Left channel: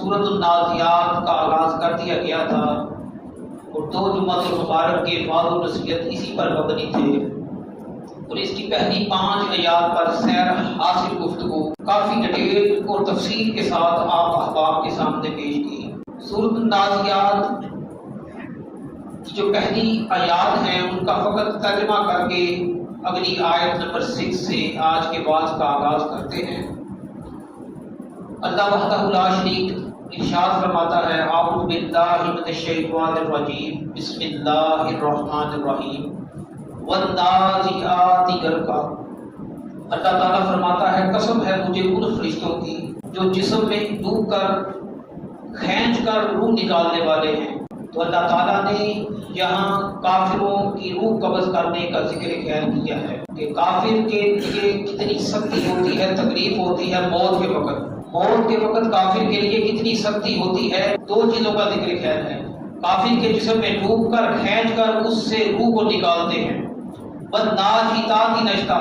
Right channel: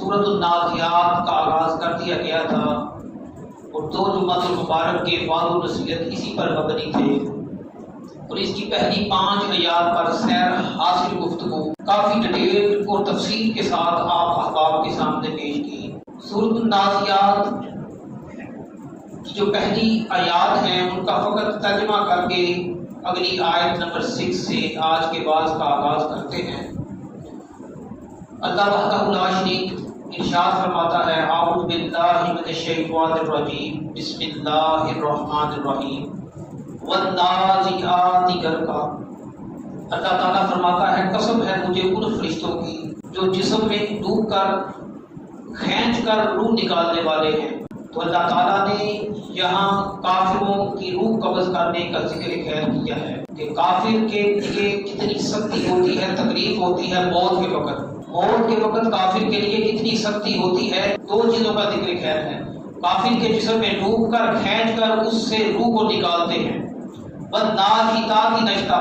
سورۃ النازعات کا آغاز کر دیا گیا تھا اور 2 جمعۃ المبارک کے وعظ و نصیحت اسی پر مبنی تھے، اور اس کی پہلی 5 آیات پر سیر حاصل گفتگو کافی ڈیٹیل اور تفصیل کے ساتھ آپ احباب کے سامنے پیش کی۔ سورۃ النازعات کی جو پہلی آیات ہیں ان کا فقط ترجمہ کر کے اگلی آیت نمبر 6 سے آج کے بعض کا آغاز کرتے ہیں۔ اللہ وحدہ لا شریک ارشاد فرماتا ہے، اعوذ باللہ من الشیطان الرجیم، بسم اللہ الرحمن الرحیم، والنازعات غرقا۔ اللہ تعالیٰ فرماتا ہے قسم ہے مجھے ان فرشتوں کی جو جسم میں ڈوب کر کھینچ کر روح نکالنے والے ہیں۔ تو اللہ تعالیٰ نے یہاں کافروں کی روح قبض کرنے کا ذکر خیر کیا ہے کہ کافر کے لیے کتنی سختی ہوتی ہے، تکلیف ہوتی ہے موت کے وقت۔ موت کے وقت کافر کے لیے کتنی سختی ہوتی ہے، 2 چیزوں کا ذکر خیر ہے۔ کافر کے جسم میں ڈوب کر کھینچ کر اس سے روح کو نکالتے ہیں۔ والناشطات نشطا،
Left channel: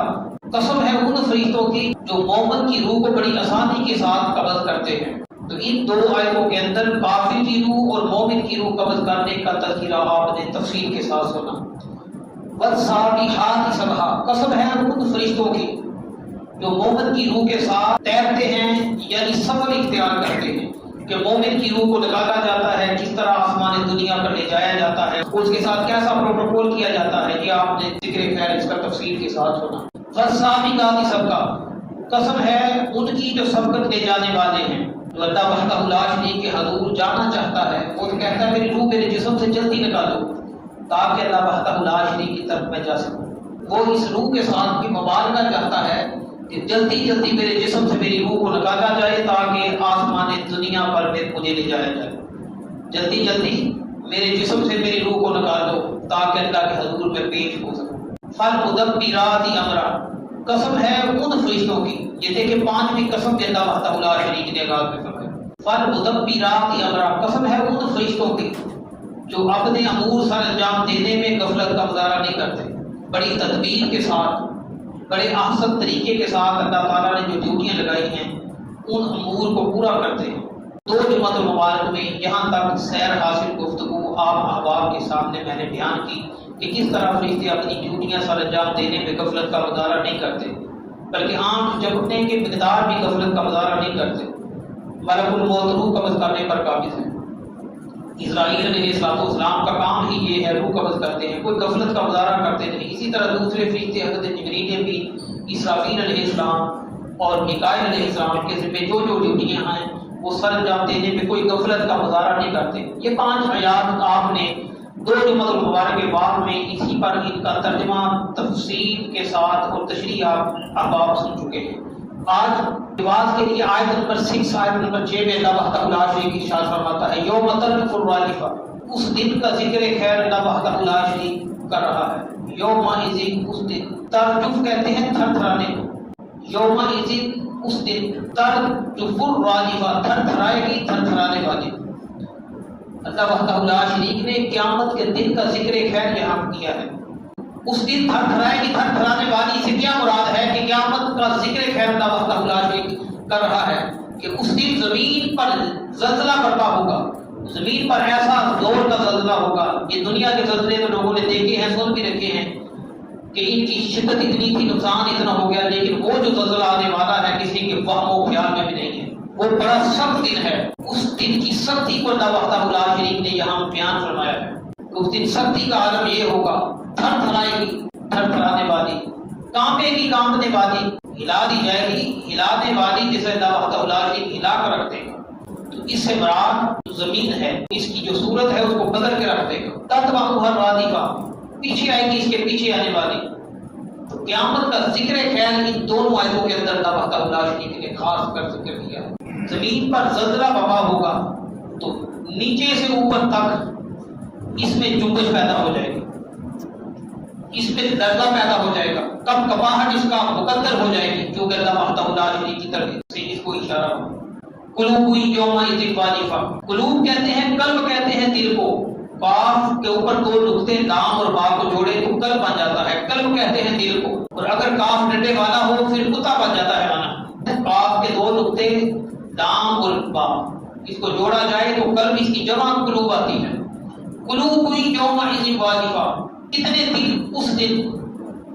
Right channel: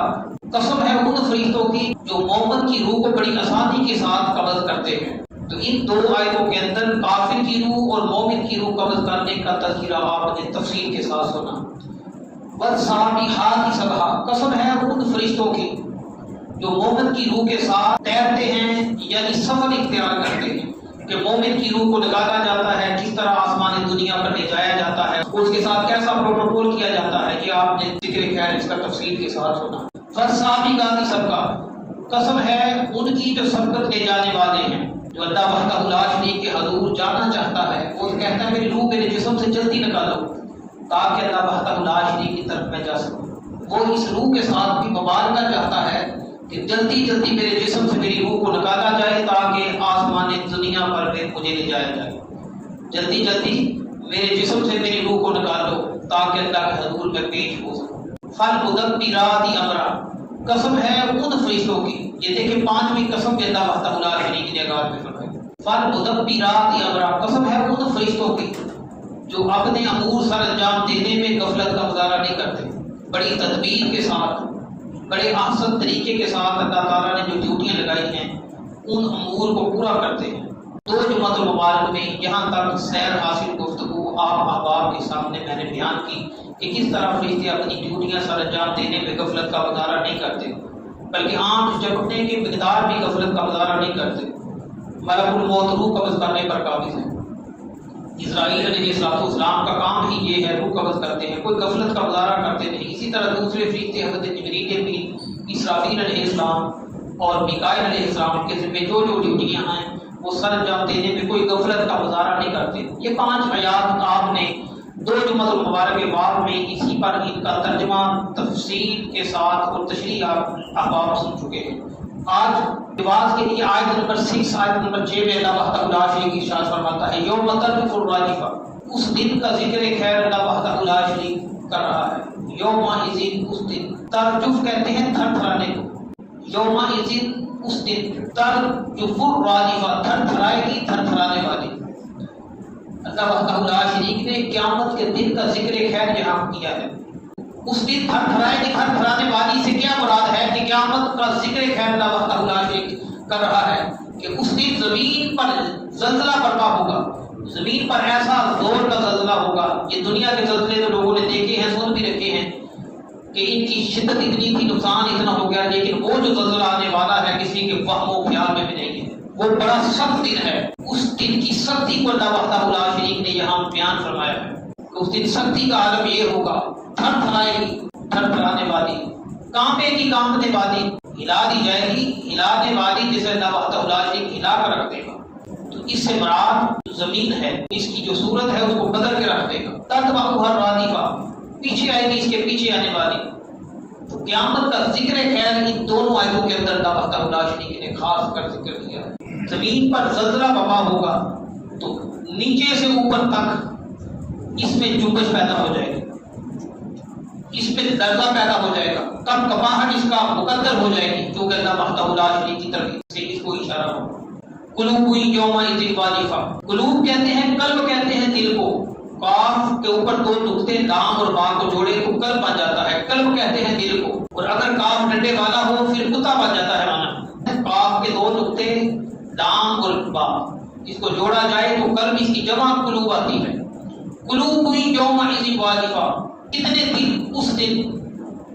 قسم ہے ان فرشتوں کی جو مومن کی روح کو بڑی آسانی کے ساتھ قبض کرتے ہیں۔ تو ان 2 آیتوں کے اندر کافر کی روح اور مومن کی روح قبض کرنے کا تذکرہ آپ نے تفصیل کے ساتھ سنا۔ والسابحات سبحا، قسم ہے ان فرشتوں کی جو مومن کی روح کے ساتھ تیرتے ہیں، یعنی سفر اختیار کرتے ہیں کہ مومن کی روح کو نکالا جاتا ہے، کس طرح آسمان دنیا پر لے جایا جاتا ہے، اس کے ساتھ کیسا پروٹوکول کیا جاتا ہے، یہ آپ نے ذکر خیر اس کا تفصیل کے ساتھ سنا۔ فالسابقات سبقا، قسم ہے ان کی جو سبقت لے جانے والے ہیں، جو اللہ وحدہ لا شریک کے حضور جانا چاہتا ہے، وہ کہتا ہے میری روح میرے جسم سے جلدی نکالو تاکہ اللہ وحدہ لا شریک کی طرف میں جا سکوں۔ وہ اس روح کے ساتھ بھی مبالغہ چاہتا ہے کہ جلدی جلدی میرے جسم سے میری روح کو نکالا جائے تاکہ آسمان دنیا پر مجھے لے جایا جائے۔ جلدی جلدی میرے جسم سے میری روح کو نکال دو تاکہ اللہ کے حضور میں پیش ہو سکوں۔ فالمدبرات امرا، قسم ہے ان فرشتوں کی، یہ دیکھیں 5ویں قسم کے اللہ وحدہ لا شریک نے آغاز میں فرمائی۔ فالمدبرات امرا، قسم ہے ان فرشتوں کی جو اپنے امور سر انجام دینے میں غفلت کا مظاہرہ نہیں کرتے، بڑی تدبیر کے ساتھ، بڑے احسن طریقے کے ساتھ اللہ تعالیٰ نے جو ڈیوٹیاں لگائی ہیں ان امور کو پورا کرتے ہیں۔ 2 جمعۃ المبارک میں یہاں تک سیر حاصل گفتگو آپ احباب کے سامنے میں نے بیان کی کہ کس طرح فرشتے اپنی ڈیوٹیاں سر انجام دینے میں غفلت کا مظاہرہ نہیں کرتے، بلکہ آنکھ جھپکنے کے مقدار بھی غفلت کا مظاہرہ نہیں کرتے۔ ملک الموت روح قبض کرنے پر قابض ہے۔ اسرائیل علیہ السلام کا کام ہی یہ ہے، روح قبض کرتے ہیں، کوئی غفلت کا مظاہرہ کرتے نہیں۔ اسی طرح دوسرے فرشتے حضرت جبریل نے بھی اسرافیل علیہ السلام اور میکائیل علیہ السلام کے ذمہ جو ڈیوٹیاں ہیں وہ سر انجام دینے میں کوئی غفلت کا مظاہرہ نہیں کرتے۔ یہ 5 آیات آپ نے 2 جمعۃ المبارک کے بعد میں اسی پر ان کا ترجمہ تفصیل کے ساتھ اور تشریح آپ احباب سن چکے ہیں۔ آج نماز کے لیے آیت نمبر 6 آیت نمبر 6 میں اللہ وحدہ لا شریک ارشاد فرماتا ہے، یوم ترجف الراجفہ، اس دن کا ذکر خیر اللہ وحدہ لا شریک کر رہا ہے۔ یوم اذن، اس دن، ترجف کہتے ہیں تھر تھرانے کو، یوم اذن اس دن، ترجف الراجفہ تھر تھرائے گی، تھر تھرانے والی۔ اللہ وحدہ لا شریک نے قیامت کے دن کا ذکر خیر یہاں کیا ہے۔ اس دن تھر تھرائے گی، تھر تھرانے والی سے کیا مراد ہے کہ قیامت کا ذکر خیر اللہ وحدہ لا شریک کر رہا ہے کہ اس دن زمین پر زلزلہ برپا ہوگا، زمین پر ایسا زور کا زلزلہ ہوگا۔ یہ دنیا کے زلزلے تو لوگوں نے دیکھے ہیں، سن بھی رکھے ہیں کہ ان کی شدت اتنی تھی، نقصان اتنا ہو گیا، لیکن وہ جو زلزلہ آنے والا ہے کسی کے وہم و خیال میں بھی نہیں ہے۔ وہ بڑا سخت دن ہے، اس دن کی سختی کو اللہ وحدہ لا شریک نے یہاں بیان فرمایا ہے۔ اس دن سختی کا عالم یہ ہوگا، تھر تھرائے گی، تھر تھرانے والی، کانپے گی، کانپنے والی، ہلا دی جائے گی، ہلانے والی جسے اللہ وحدہ لا شریک ہلا کر رکھ دے گا۔ تو اس سے مراد زمین ہے، اس کی جو صورت ہے اس کو بدل کے رکھ دے گا۔ تتبعها الرادفہ، پیچھے آئے گی، اس کے پیچھے آنے والی۔ تو قیامت کا ذکر خیر ان دونوں آیتوں کے اندر اللہ وحدہ لا شریک نے خاص کر ذکر کیا ہے۔ زمین پر زلزلہ برپا ہوگا تو نیچے سے اوپر تک اس میں جنبش پیدا ہو جائے گی، اس میں لرزہ پیدا ہو جائے گا، کم کپاہٹ اس کا مقدر ہو جائے گی، جو کہ اللہ وحدہ لا شریک کی طرف سے اس کو اشارہ ہو۔ قلوب یومئذ واجفہ، قلوب کہتے ہیں، قلب کہتے ہیں دل کو، قاف کے اوپر 2 نقطے لام اور با کو جوڑے تو قلب بن جاتا ہے، قلب کہتے ہیں دل کو، اور اگر قاف ڈنڈے والا ہو پھر کتا بن جاتا ہے مانا۔ قاف کے 2 نقطے لام اور با، اس کو جوڑا جائے تو قلب اس کی جمع قلوب آتی ہے. قلوب یومئذ واجفہ، کتنے دل اس دن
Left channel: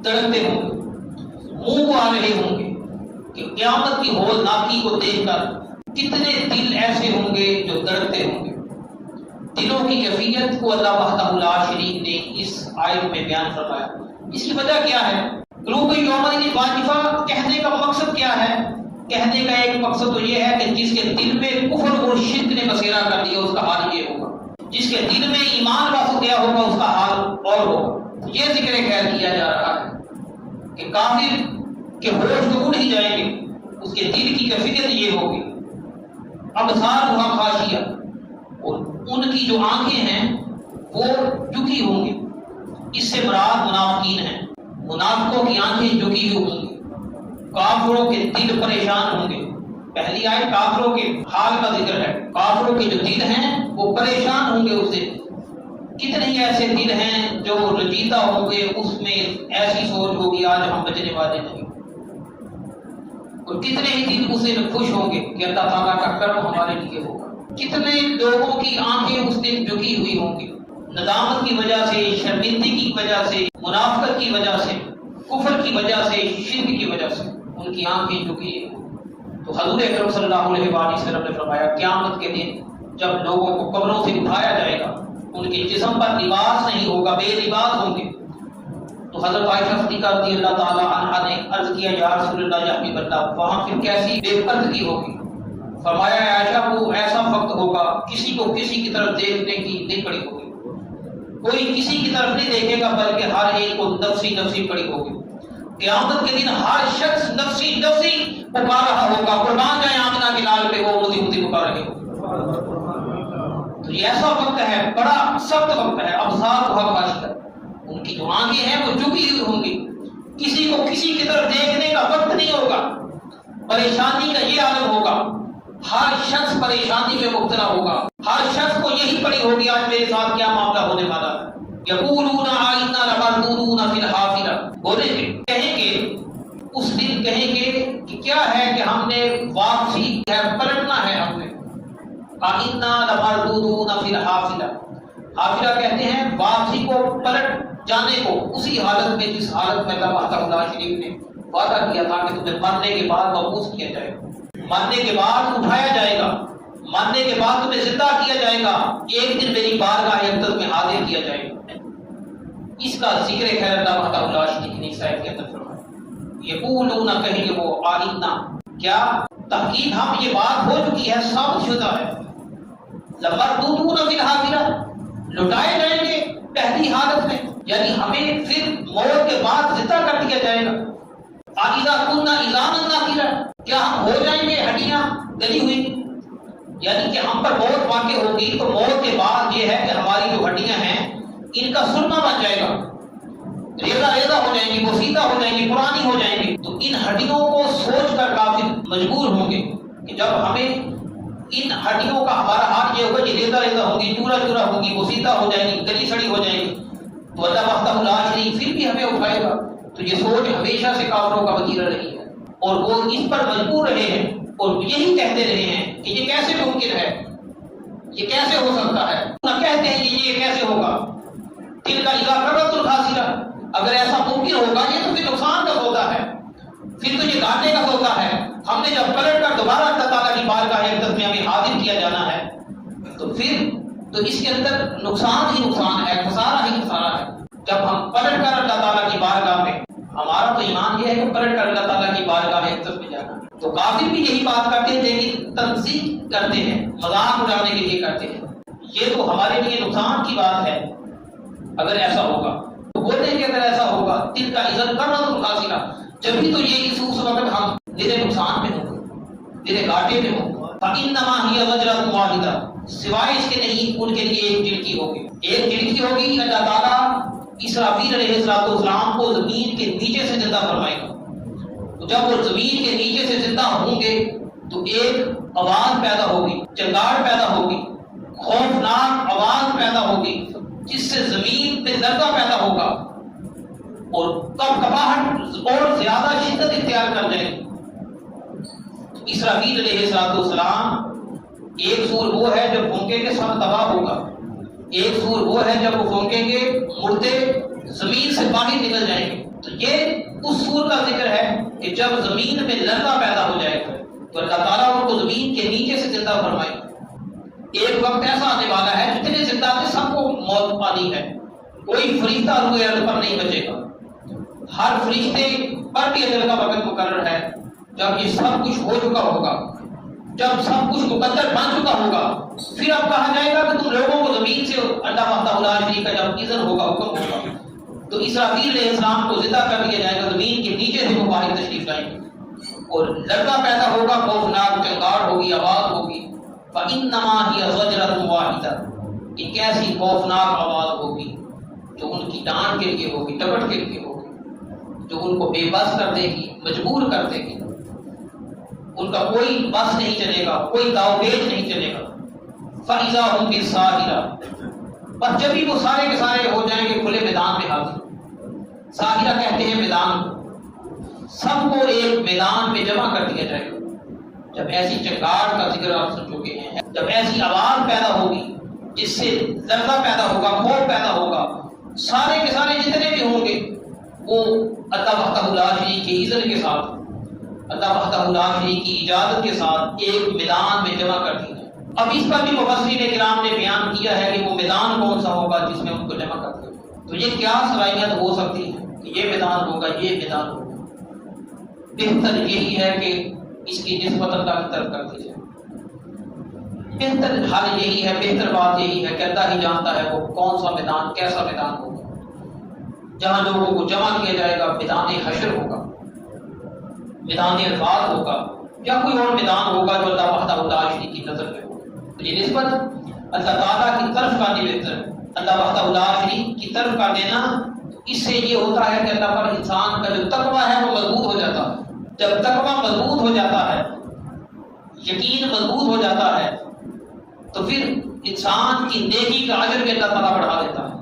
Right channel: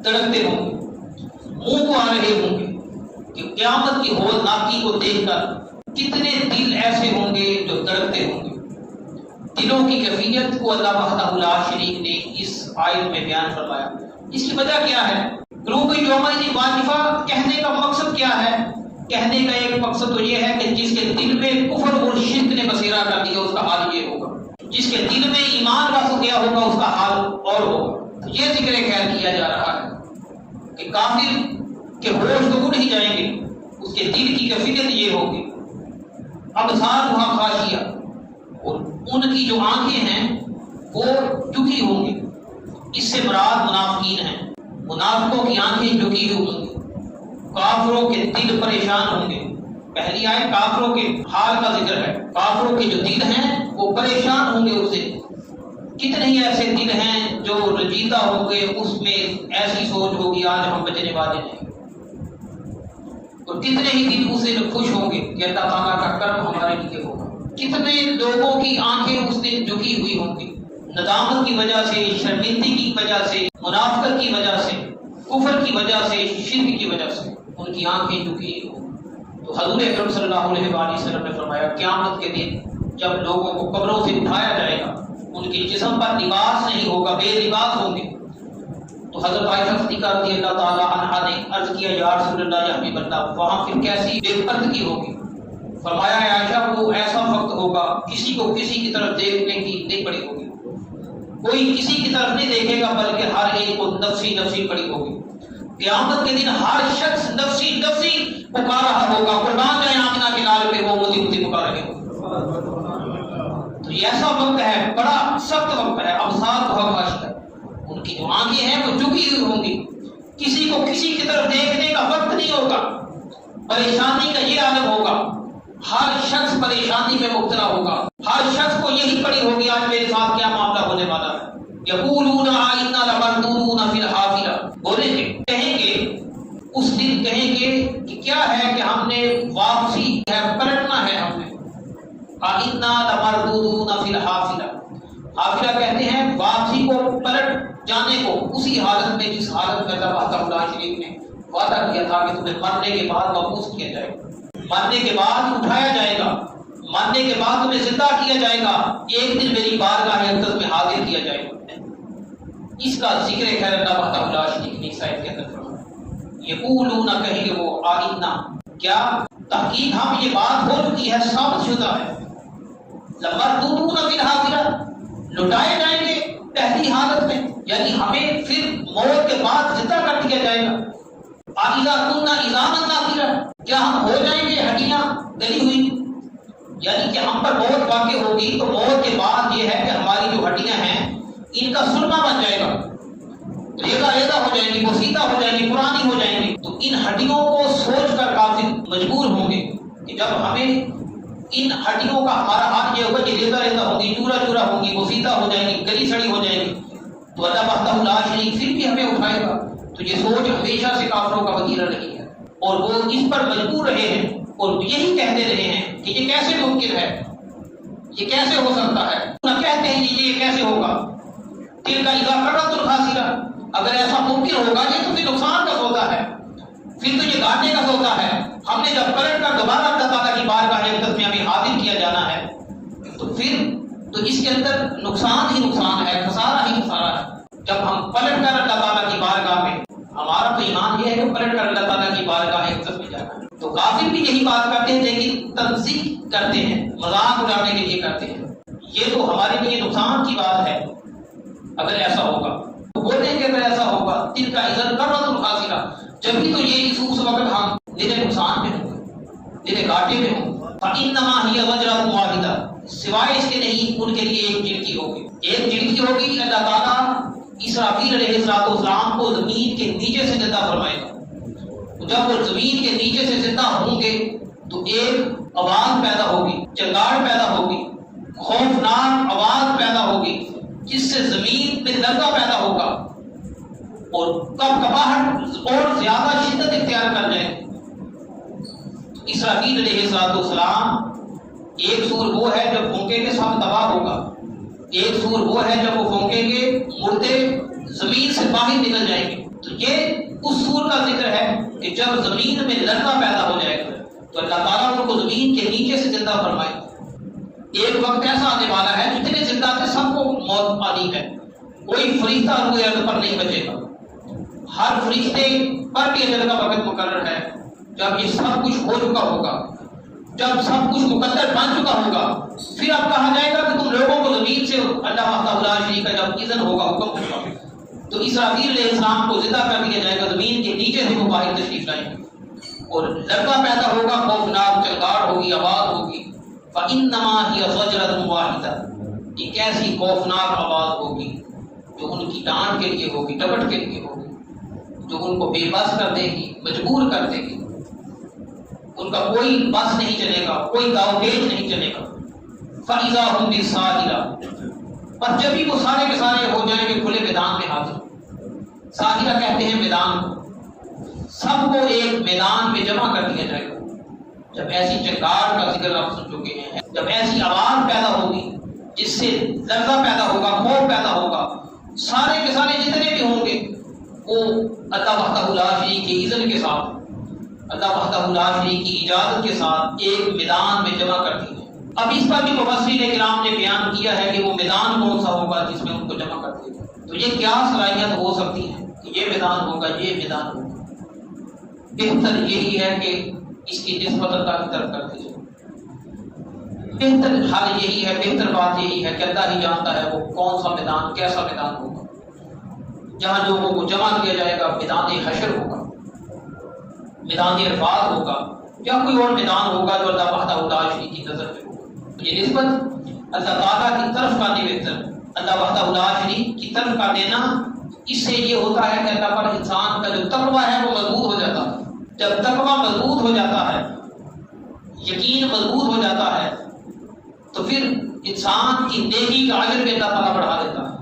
تڑپتے ہوں گے، منہ کو آ رہے ہوں گے کہ قیامت کی ہولناکی کو دیکھ کر کتنے دل ایسے ہوں گے جو تڑپتے ہوں گے. دلوں کی کیفیت کو اللہ وحدہ لا شریک نے اس آیت میں بیان فرمایا. اس کی وجہ کیا ہے؟ قلوب یومئذ واجفہ کہنے کا مقصد کیا ہے؟ کہنے کا ایک مقصد تو یہ ہے کہ جس کے دل میں کفر اور شرک نے بسیرا کر دیا اس کا حال یہ ہوگا، جس کے دل میں ایمان کا گیا ہوگا اس کا حال اور ہوگا. یہ ذکر خیر کیا جا رہا ہے کہ کافر کے ہوش تو نہیں جائیں گے، اس کے دل کی کیفیت یہ ہوگی. ابصار وہاں خاشعہ، اور ان کی جو آنکھیں ہیں وہ جھکی ہوں گی. اس سے مراد منافقین ہیں، منافقوں کی آنکھیں جھکی ہوں گی. کافروں کے دل پریشان ہوں گے. پہلی آیت کافروں کے حال کا ذکر ہے. کافروں کے جو دل ہیں وہ پریشان ہوں گے. اسے کتنے ہی ایسے دل ہیں جو رجیدہ ہوں گے، اس میں ایسی سوچ ہوگی آج ہم بچنے والے نہیں. اور کتنے ہی دل اسے خوش ہوں گے کہ اللہ تعالیٰ کا کرم ہمارے لیے ہوگا. کتنے لوگوں کی آنکھیں اس دن جھکی ہوئی ہوں گی، ندامت کی وجہ سے، شرمندگی کی وجہ سے، منافقت کی وجہ سے، کفر کی وجہ سے، شرک کی وجہ سے ان کی آنکھیں جھکی ہوں. تو حضور اکرم صلی اللہ علیہ وآلہ وسلم نے فرمایا قیامت کے دن جب لوگوں کو قبروں سے اٹھایا جائے گا، ان کے جسم پر لباس نہیں ہوگا، بے لباس ہوں گے. تو حضرت عائشہ صدیقہ رضی اللہ تعالی عنہا نے عرض کیا یا رسول اللہ یا حبیب اللہ، وہاں پھر کیسی بے پردگی ہوگی؟ فرمایا ہے عائشہ وہ ایسا وقت ہوگا کسی کو کسی کی طرف دیکھنے کی نہیں پڑی ہوگی، کوئی کسی کی طرف نہیں دیکھے گا، بلکہ ہر ایک کو نفسی نفسی پڑی ہوگی. قیامت کے دن ہر شخص نفسی نفسی پکار رہا ہوگا. قربان جائے آمنہ کے نال پہ وہ مودی مودی پکار رہے ہوں. تو یہ ایسا وقت ہے، بڑا سخت وقت ہے. ابصار بہت خاشعہ، ان کی جو آنکھیں ہیں وہ جھکی ہوئی ہوں گی. کسی کو کسی کی طرف دیکھنے کا وقت نہیں ہوگا. پریشانی کا یہ عالم ہوگا، ہر شخص پریشانی میں مبتلا ہوگا. ہر شخص کو یہی پڑی ہوگی آج میرے ساتھ کیا معاملہ ہونے والا ہے. یقولون آئنا لمردودون فی الحافرہ، بولیں گے، کہیں گے اس دن کہیں گے کہ کیا ہے کہ ہم نے واپسی ہے، پلٹنا ہے ہم نے. آئنا لمردودون فی الحافرہ، حافرہ کہتے ہیں واپسی کو، پلٹ جانے کو، اسی حالت میں جس حالت میں اللہ وحدہ لا شریک نے وعدہ کیا تھا کہ تمہیں مرنے کے بعد مبعوث کیا جائے گا، مرنے کے بعد اٹھایا جائے گا، مرنے کے بعد تمہیں زندہ کیا جائے گا، ایک دن میری بارگاہ اقدس میں حاضر کیا جائے گا. اس کا ذکر خیر اللہ وحدہ لا شریک نے اس آیت کے اندر فرمایا. یقولون کہیں گے وہ آئنا، کیا تحقیق ہم یہ بات ہو چکی ہے، ثابت شدہ ہے، لمردودون فی الحافرہ، لٹائے جائیں گے پہلی حالت میں، یعنی ہمیں پھر موت کے بعد زندہ کر دیا جائے گا. اذا كنا عظاما نخرة، کیا ہم ہو جائیں گے ہڈیاں گلی ہوئی؟ یعنی کہ ہم پر موت واقع ہوگی تو موت کے بعد یہ ہے کہ ہماری جو ہڈیاں ہیں ان کا سرما بن جائے گا، ریزہ ریزہ ہو جائیں گی، بسیطہ ہو جائیں گی، پرانی ہو جائیں گی. تو ان ہڈیوں کو سوچ کر کافر مجبور ہوں گے کہ جب ہمیں ان ہڈیوں کا ہمارا حال یہ ہوگا کہ ریزہ ریزہ ہوں گی، چورا چورا ہوں گی، بسیطہ ہو جائیں گی، گلی سڑی ہو جائیں گی، تو اللہ وحدہ لا شریک پھر بھی ہمیں اٹھائے گا. تو یہ سوچ ہمیشہ سے کافروں کا وتیرہ رہی ہے اور وہ اس پر مجبور رہے ہیں اور یہی کہتے رہے ہیں کہ یہ کیسے ممکن ہے، یہ کیسے ہو سکتا ہے. کہتے ہیں کہ یہ کیسے ہوگا، تلک اذا کرۃ خاسرہ، اگر ایسا ممکن ہوگا یہ تو پھر نقصان کا سودا ہے، پھر تو یہ گھاٹے کا سودا ہے. ہم نے جب پلٹ کر دوبارہ اللہ تعالیٰ کی بارگاہ اقدس میں ہمیں حاضر کیا جانا ہے تو پھر تو اس کے اندر نقصان ہی نقصان ہے، خسارہ ہی خسارہ ہے. جب ہم پلٹ کر اللہ تعالیٰ کی بارگاہ میں، ہمارا تو ایمان یہ ہے کہ پلٹ کر اللہ تعالیٰ کی بارگاہ اقدس میں جانا ہے. تو کافر بھی یہی بات کرتے ہیں لیکن تنزیہ کرتے ہیں، مذاق اڑانے کے لیے کرتے ہیں. یہ تو ہمارے لیے نقصان کی بات ہے اگر ایسا ہوگا. تو بولتے ہیں کہ اگر ایسا ہوگا تلک اذا کرۃ خاسرہ، جبھی تو یہ اس وقت ہم میرے نقصان میں ہوں گے، میرے گھاٹے میں ہوں گے. فإنما هي زجرۃ واحدہ، سوائے اس کے نہیں ان کے لیے ایک جھڑکی ہوگی، ایک جھڑکی ہوگی. اللہ تعالیٰ اسرافیل علیہ السلام کو زمین کے نیچے سے زندہ فرمائے گا. تو جب وہ زمین کے نیچے سے زندہ ہوں گے تو ایک آواز پیدا ہوگی، چنگاڑ پیدا ہوگی، خوفناک آواز پیدا ہوگی جس سے زمین میں لرزہ پیدا ہوگا اور کپکپاہٹ اور زیادہ شدت اختیار کر جائے گی. اسرافیل علیہ السلام ایک سور وہ ہے جب پھونکیں گے سب تباہ ہوگا، ایک سور وہ ہے جب وہ پھونکیں گے مردے زمین سے باہر نکل جائیں گے۔ تو یہ اس سور کا ذکر ہے کہ جب زمین میں لرزہ پیدا ہو جائے گا تو اللہ تعالیٰ ان کو زمین کے نیچے سے زندہ فرمائے گا۔ ایک وقت ایسا آنے والا ہے جتنے زندہ تھے سب کو موت آنی ہے، کوئی فرشتہ روئے ارض پر نہیں بچے گا۔ ہر فرشتے پر بھی اجل کا وقت مقرر ہے۔ جب یہ سب کچھ ہو چکا ہوگا، جب سب کچھ مقدر بن چکا ہوگا، پھر اب کہا جائے گا کہ تم لوگوں کو زمین سے اللہ وحدہ شریک کا جب اذن ہوگا، حکم ہوگا، تو اسرافیل علیہ السلام کو زندہ کر دیا جائے گا، زمین کے نیچے سے وہ باہر تشریف لائیں گے اور لرزہ پیدا ہوگا، خوفناک چنگاڑ ہوگی، آواز ہوگی۔ فَإِنَّمَا هِيَ زَجْرَةٌ وَاحِدَةٌ، ایک ایسی خوفناک آواز ہوگی جو ان کی ڈانٹ کے لیے ہوگی، ٹپٹ کے لیے ہوگی، جو ان کو بے بس کر دے گی، مجبور کر دے گی۔ ان کا کوئی بس نہیں چلے گا، کوئی داؤ پیچ نہیں چلے گا۔ فَإِذَا هُمْ بِالسَّاهِرَةِ، بس جب بھی وہ سارے کے سارے ہو جائیں گے کھلے میدان میں حاضر۔ ساحرہ کہتے ہیں میدان کو، سب کو ایک میدان میں جمع کر دیا جائے گا۔ جب ایسی چنگاڑ کا ذکر آپ سن چکے ہیں، جب ایسی آواز پیدا ہوگی جس سے لرزہ پیدا ہوگا، خوف پیدا ہوگا، سارے کے سارے جتنے بھی ہوں گے وہ اللہ وحدہ لا شریک کی اذن کے ساتھ، اللہ وحدہ لا شریک کی اجازت کے ساتھ ایک میدان میں جمع کر دی جائے۔ اب اس پر بھی مفسرین کرام نے بیان کیا ہے کہ وہ میدان کون سا ہوگا جس میں ان کو جمع کر دیا جائے۔ تو یہ کیا صلاحیت ہو سکتی ہے کہ یہ میدان ہوگا، یہ میدان ہوگا؟ بہتر یہی ہے کہ اس کی نسبت اللہ کی طرف کر دی جائے۔ بہتر حل یہی ہے، بہتر بات یہی ہے کہ اللہ ہی جانتا ہے وہ کون سا میدان، کیسا میدان ہوگا جہاں لوگوں کو جمع کیا جائے گا۔ میدان حشر ہوگا، میدان عرفات ہوگا، یا کوئی اور میدان ہوگا جو اللہ وحدہ لا شریک کی نظر میں ہوگا۔ تو یہ نسبت اللہ تعالیٰ کی طرف کا بہتر، اللہ وحدہ لا شریک کی طرف کا دینا، اس سے یہ ہوتا ہے کہ اللہ پر انسان کا جو تقویٰ ہے وہ مضبوط ہو جاتا ہے۔ جب تقویٰ مضبوط ہو جاتا ہے، یقین مضبوط ہو جاتا ہے، تو پھر انسان کی نیکی کا اجر بھی اللہ تعالیٰ بڑھا دیتا ہے۔